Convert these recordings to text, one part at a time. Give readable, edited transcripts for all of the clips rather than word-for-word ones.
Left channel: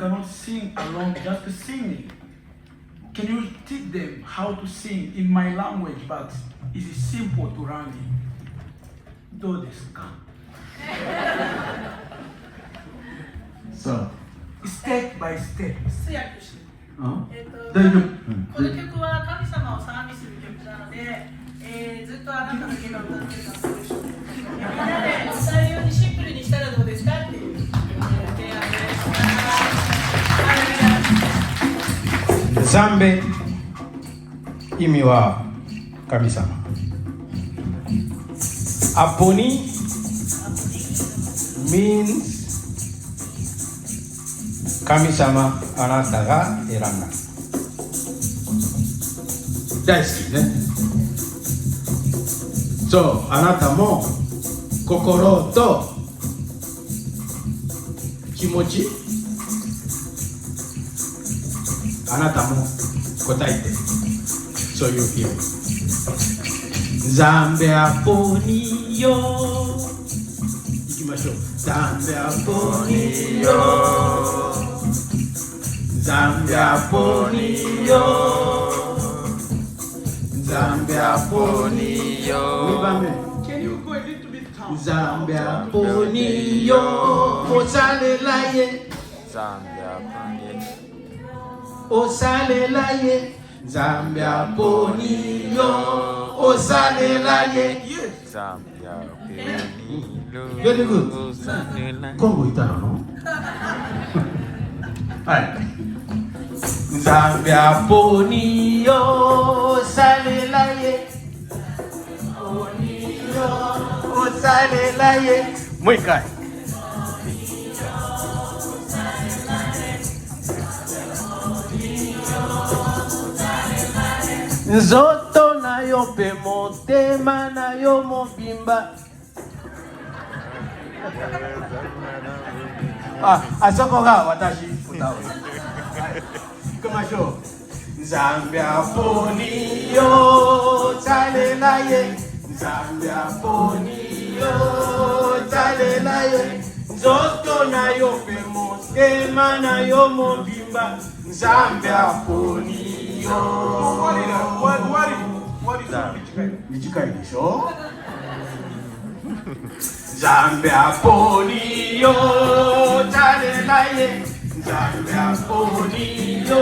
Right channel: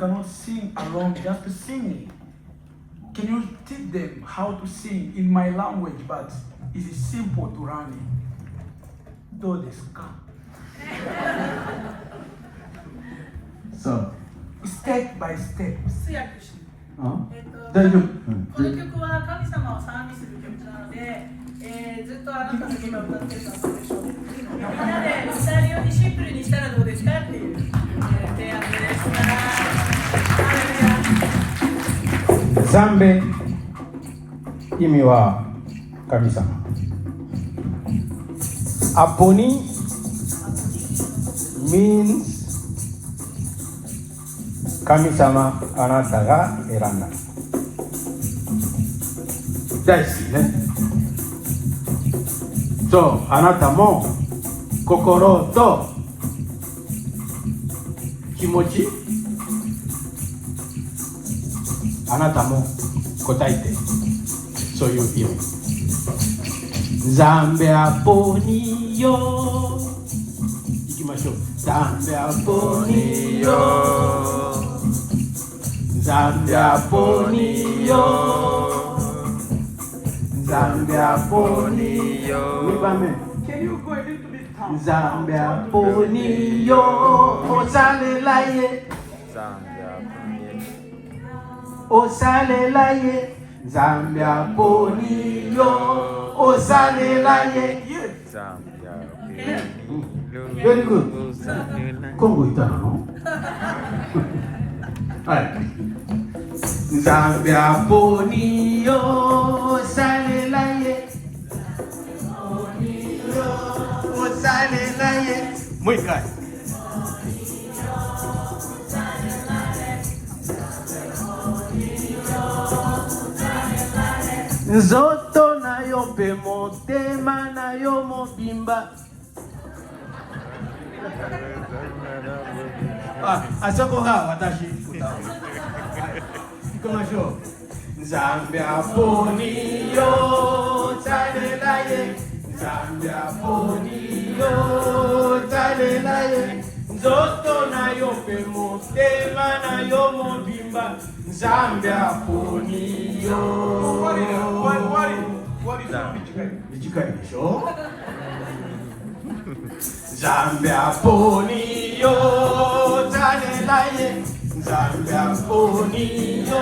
cannot sing along just singing. Can you teach them how to sing in my language, but it's simple to learn? どうですか？そうStep by step. 通訳して大丈夫、この曲は神様を賛美する曲なので、ずっとあなただけが歌ってるのはそうでしょう。みんなで歌えるようにシンプルにしたらどうですかっていう、提案です。ハレルヤ。賛美意味は神様。アポニ means 神様あなたが選んだ。大好きね。そう、あなたも心と気持ちあなたも答えてそういう意味。ザンベアポニーヨ行きましょう。ザンベアポニーヨザンビアポニーヨザンビアポニーヨザンビアポニーヨおされらえザンビアポニーおされらえザンビアポニーヨおされらえザンビアポニーヨベリーグッドコンゴいたのはいザンビアポニーヨサレラエポニーヨサレラエもう一回ゾトナヨペモテマナヨモビンバあそこが私歌う行きましょう。ザンビアポニーヨザレラエザンビアポニーヨザレラエゾットナヨペモテマナヨモビンバザンビアポニーヨ短いでしょザンビアポニーヨザレラエザンビアポニーヨ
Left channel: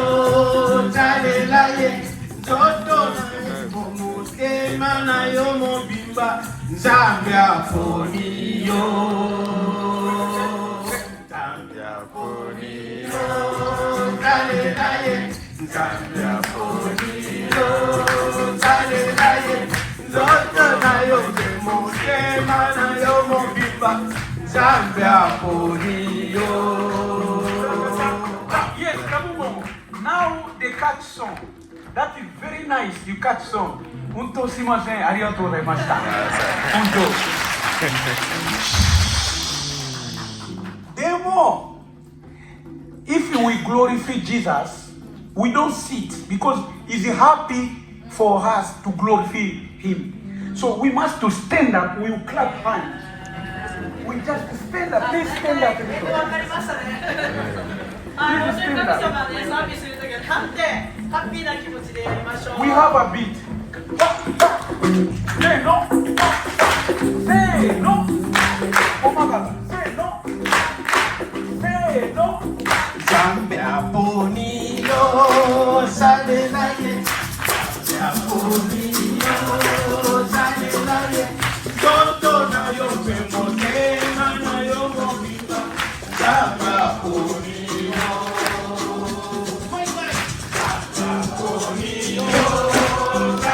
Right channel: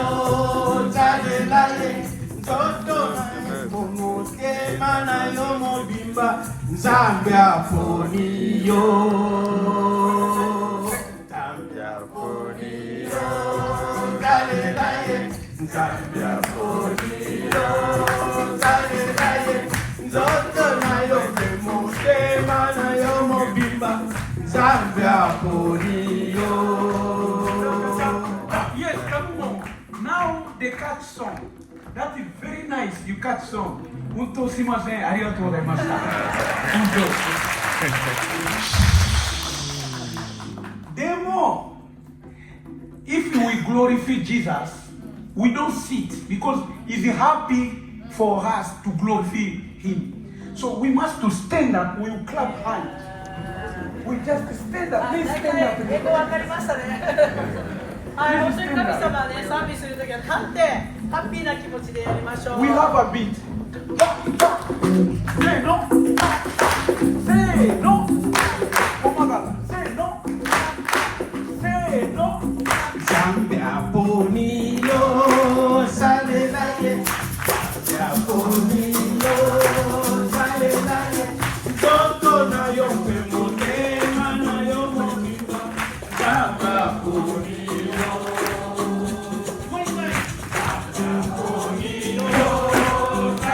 ザレラエゾットナヨモテマナヨモビンバザンビアポニーヨザンビアポニーヨザレラエザンビアポニーヨザレラエゾットナヨモテマナヨモビンバザンビアポニーヨYes, come on. Now the catch song. That is very nice. You catch song. 本当すいません。ありがとうございました。本当。でも、if we glorify Jesus, we don't sit because he's happy for us to glorify him. So we must to stand up. We will clap hands. We just stand up. Please stand up. 英語わかりましたね。はい、本当に神様ね、賛美するときは立ってハッピーな気持ちでやりましょう。 We have a beat. Say no. Say no. Oh my God. Say no. Say no. ザンビアポニーヨサレラエザンビアポニーヨサレラエゾットナヨペモテマナヨモビンバザンビアポニーヨザ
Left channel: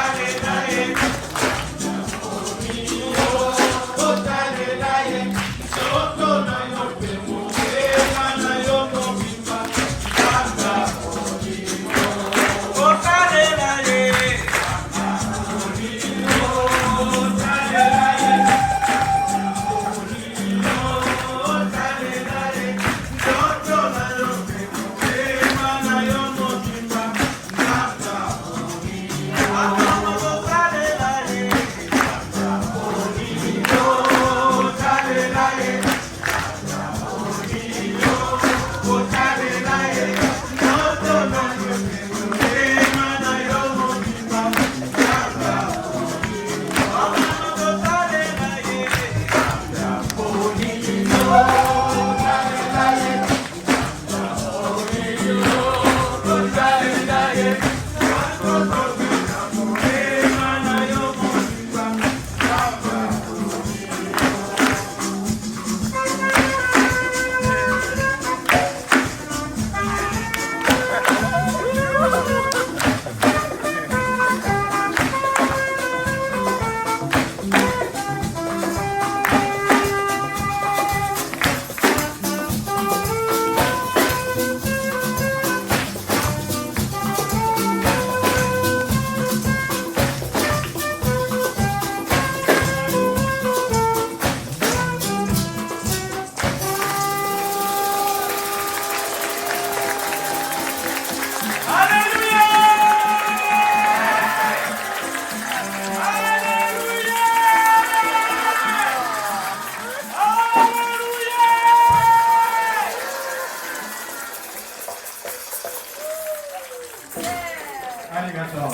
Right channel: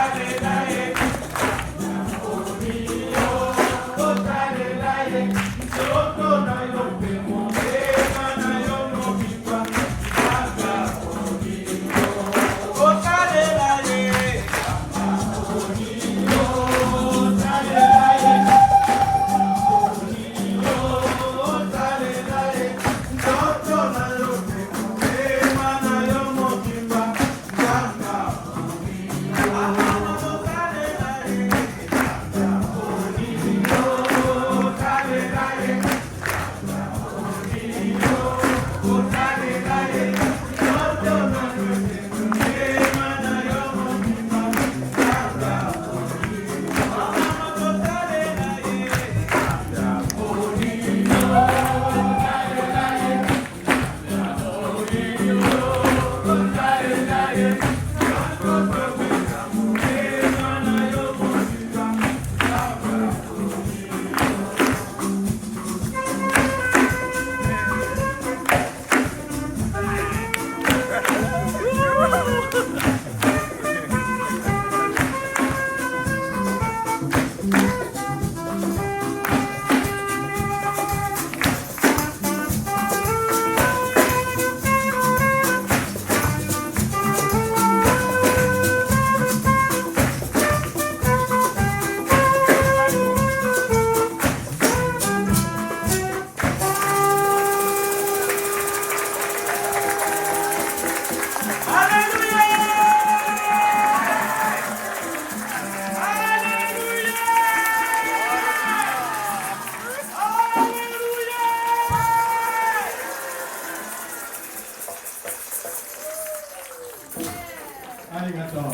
ありがとう。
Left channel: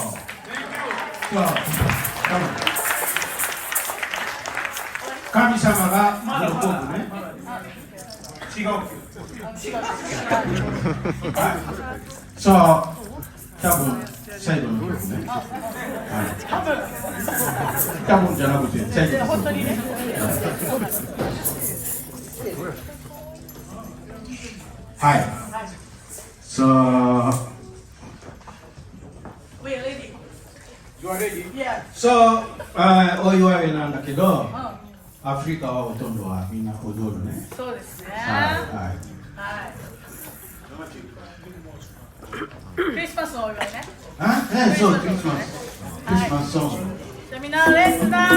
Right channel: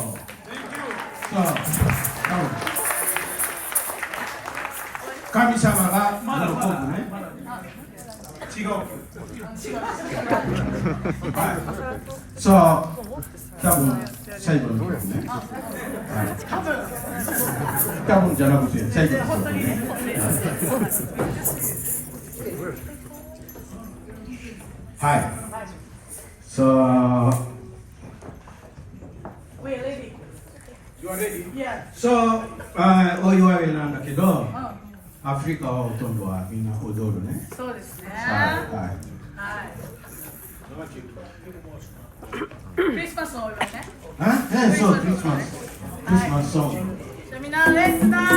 神様が喜ぶね。違う。そう、多分最後の曲ね。多分じゃなくて最後の曲ね。はい。そう。We are ready. You are ready? Yeah. そう、お祝いなんだけど、アフリカはほとんどはみんな踊るね。そうですね。はい。はい。クリスマスのお祝いね。そう、クリスマスソング。じゃあみんなレッツダンス。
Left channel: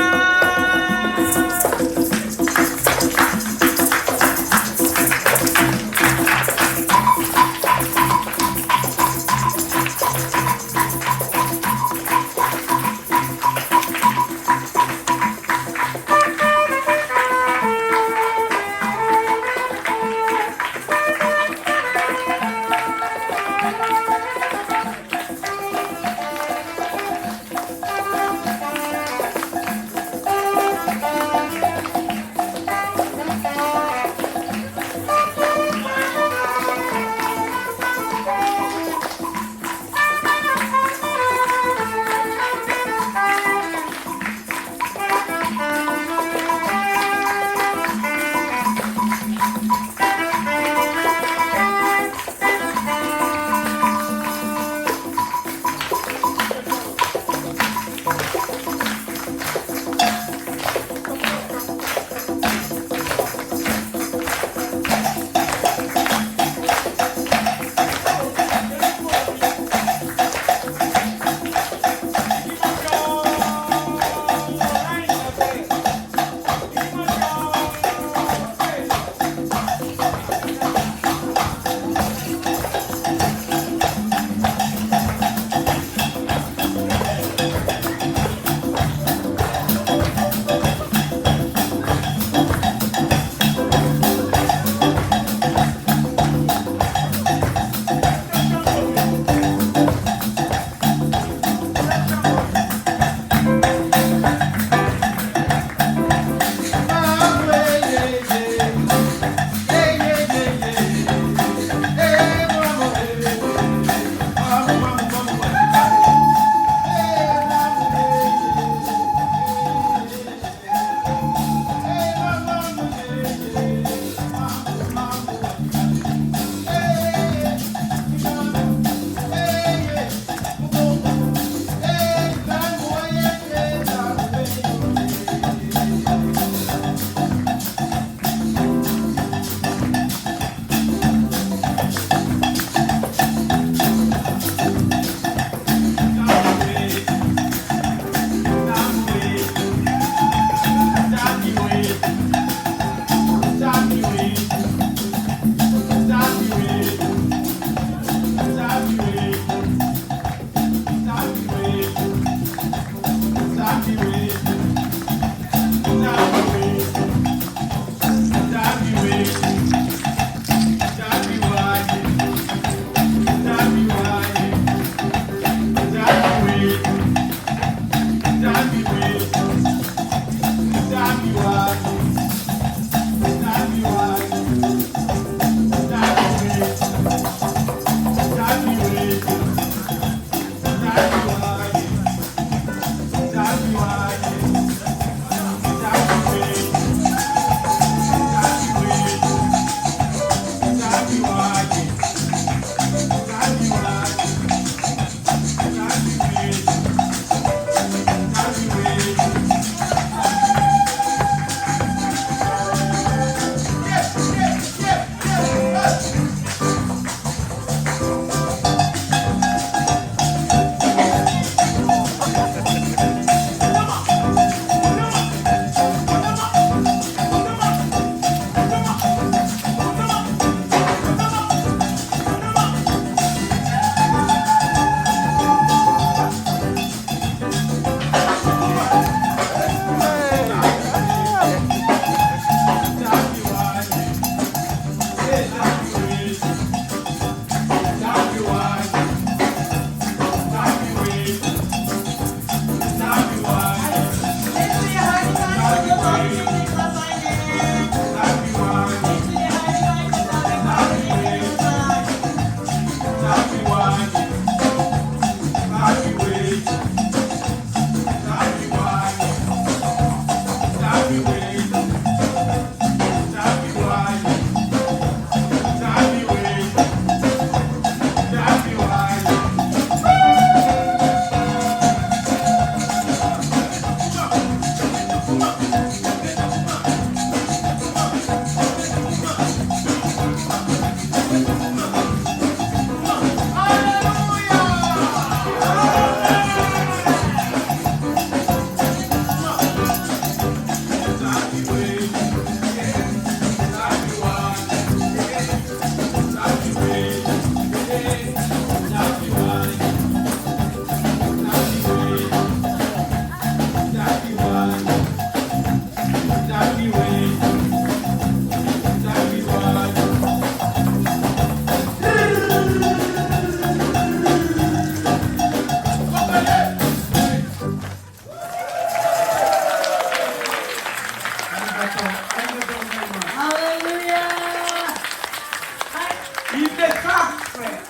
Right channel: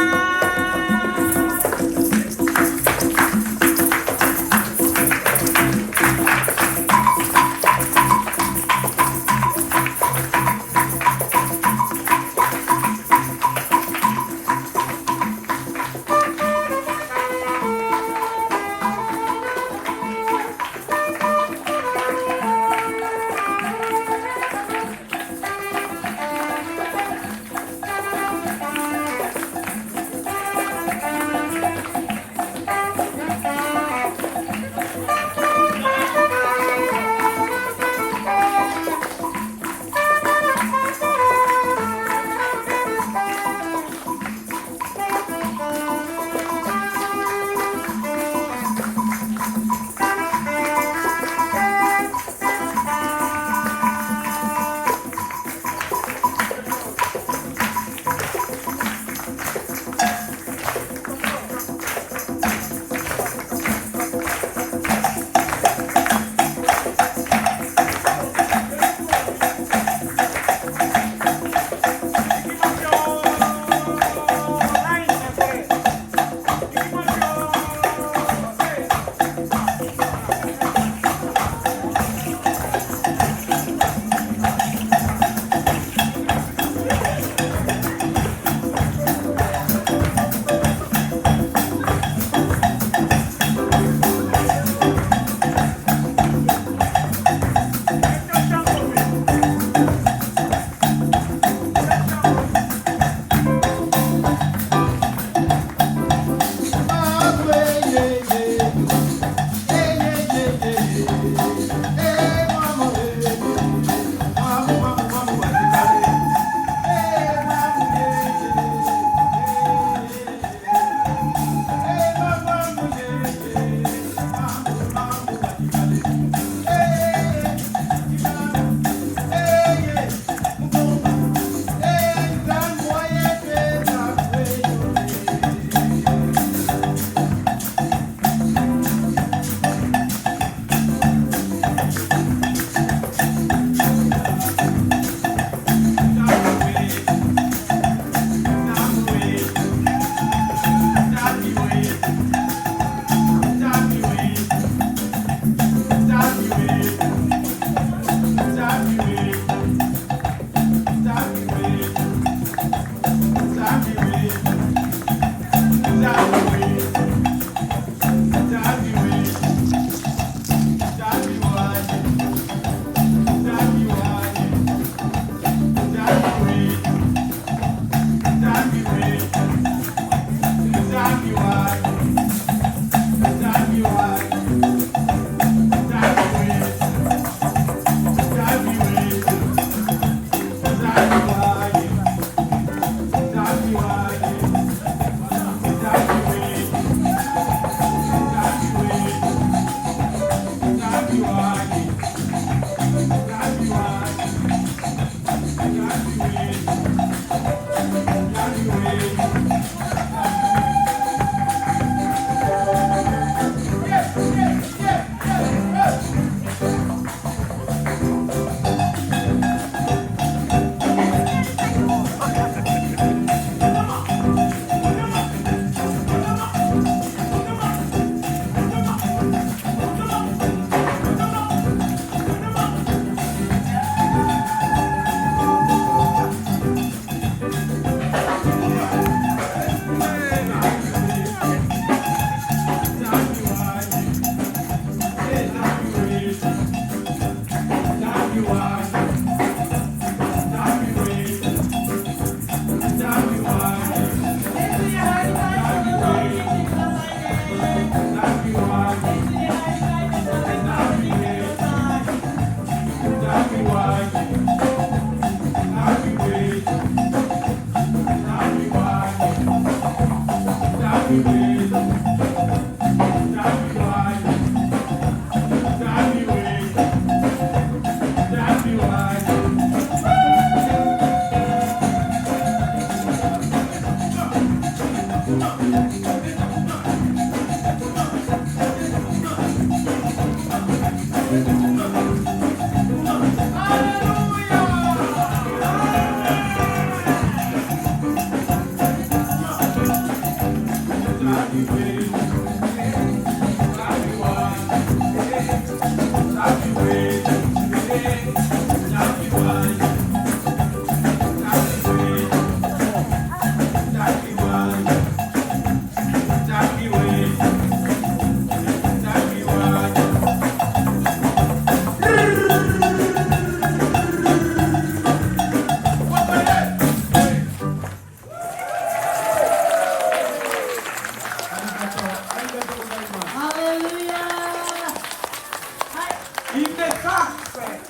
Great.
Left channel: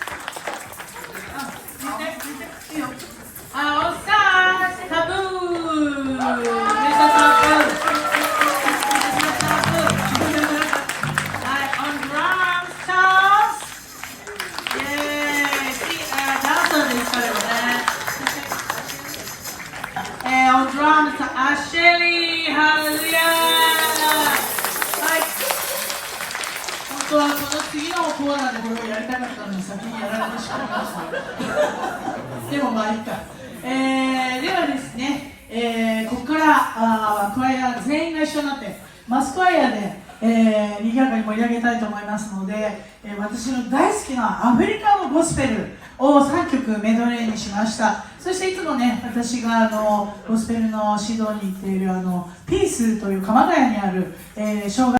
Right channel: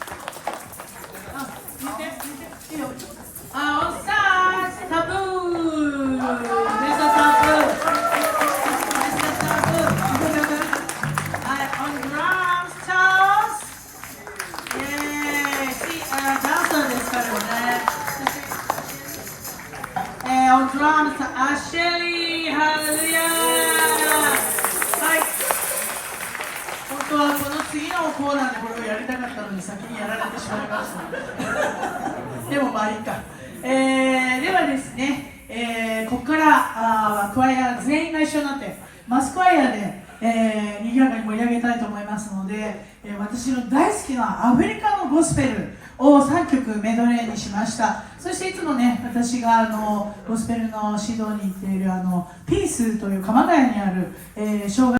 いいよ。All stars, taboo. Mr. Taboo. On drums, Charles. Yay. Johnson ですからね。On drums, Ashley. Hallelujah. はい。本当はこの次のコーナーで僕やりたかったのに先にやられてしまいました。でもまあいいか。ではですね、ここからクワイア全員が一緒になってマスクワイアで、賑やかに盛り上げたいと思いますので、私の大好きなアフリカのゴスペルを3曲メドレーにしました。そしていつもね、私がゴスペルの指導に行っているピースという鎌ヶ谷にある、障害